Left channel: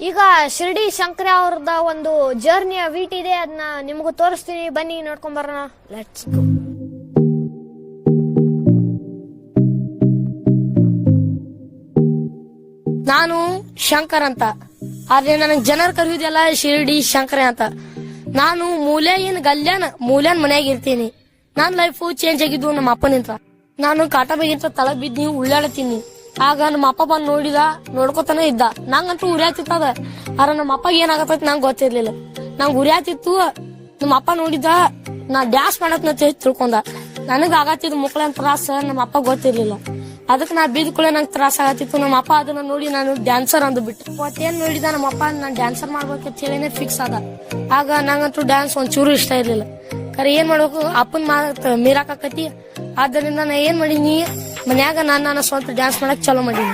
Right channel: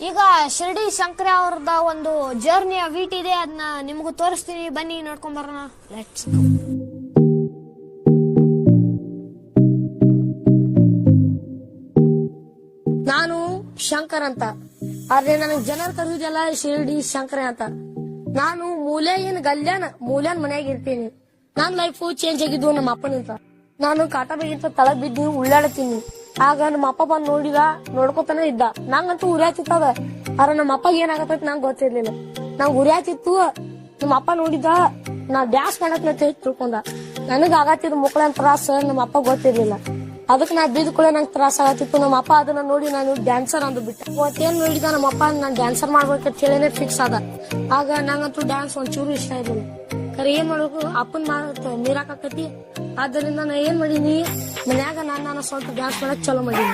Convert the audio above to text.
ಈಗ ಶಿರ್ಡಿ ಶಂಕರ ಅವ್ರದ ಒಂದು ಜರ್ನಿಯ ವೀಟ್ ಇದೆ ಅದನ್ನ ನಿಮಗೂ ತೋರಿಸ್ತೀನಿ. ಬನ್ನಿ, ನೋಡ್ಕೊಂಡ್ ಬರೋಣ. ಲೆಟ್ಸ್ ನಾನು ಶಂಕರ್ ಅಂತ. ಆದ್ರೆ ನನಗ್ ಜನರು ಕರೆಯುವುದೆಲ್ಲ ಶಿರ್ಡಿ ಶಂಕರ ಅಂತ. ನಾನು ಮೂಲೆ ಏನ್ ಗಲ್ಯಾನ, ಮೂಲ್ಯಾನ್ ಮನ್ಯಾಗ ಇರ್ತೀನಿ. ನನ್ ಲೈಫ್ ಚೇಂಜ್ ಆಗಿದ್ದು ನಮ್ಮ ಅಪ್ಪನಿಂದ ನಾನು ಕಾಟ ಬೇಗಿಂತ ತಳಗ್ ಬಿದ್ದಿ ಉಳ್ಳಾಡ್ತೀನಿ. ಆಗ ನಮ್ಮ ಅಪ್ಪ ಬಂದ್ ನೋಡಿದ, ನೋಡ್ಕೊತಾನೆ ಇದ್ದ. ನಂಗಂತೂ ಉರಿಯಾತಿತ್ತದ ಆದ್ರೆ ನಮ್ಮ ಅಪ್ಪ ಏನಾಗತ್ತ ನಂಗೆ ಗೊತ್ತಿರ್ಲಿಲ್ಲ. ನಂಗೆ ಉರಿಯಾತಿತ್ತು ನಮ್ಮ ಅಪ್ಪ ನೋಡಿದ, ನಾ ಡ್ಯಾನ್ಸ್ ಮಾಡತ್ನ ತಿಳ್ಕೊಂಡ. ನನಗ ಆಗತ್ತಿದ್ ಮುಕ್ಳ ತ್ರಾಸ ನಮ್ಮ ಅಪ್ಪ ಗೊತ್ತಿರ್ಲಿಲ್ಲ. ಅದಕ್ಕೆ ನಾ ಬಿದ್ದ ಕೂಡ ನಂಗೆ ತ್ರಾಸ ಆಗತ್ತಿತ್ತು. ನಮ್ಮ ಅಪ್ಪ ಅದನ್ನ ನೋಡಿ ನಾನು ಡ್ಯಾನ್ಸರ್ ಅಂದ್ಬಿಟ್ಟೆ. ಅವತ್ತೇನ್ ನೋಡಿದ ನಮ್ಮ ಅಪ್ಪ, ನಾನು ಡ್ಯಾನ್ಸರ್ ಮಾಡ್ಬೇಕಂತ ಹೇಳಿನೇ ಫಿಕ್ಸ್ ಆದ. ಆಗ ನಂಗಂತೂ ಡ್ಯಾನ್ಸ್ ಒಂಚೂರು ಇಷ್ಟ ಇರ್ಲಿಲ್ಲ. ಕರೆ ಏನ್ ಮಾಡ್ಬೇಕು? ಅಪ್ಪನ ಮಾತ್ ಮೀರಾಕತಿ ಆದ್ದರಿಂದ ನಾ ಏನ್ ಮಾಡೀನಿ? ಮನ್ಯಾಗ ನಾನು ನನ್ನ ಸ್ವಂತ ಡ್ಯಾನ್ಸ್ ಮಾಡಕ್ ಚಾಲೂ ಮಾಡೀನಿ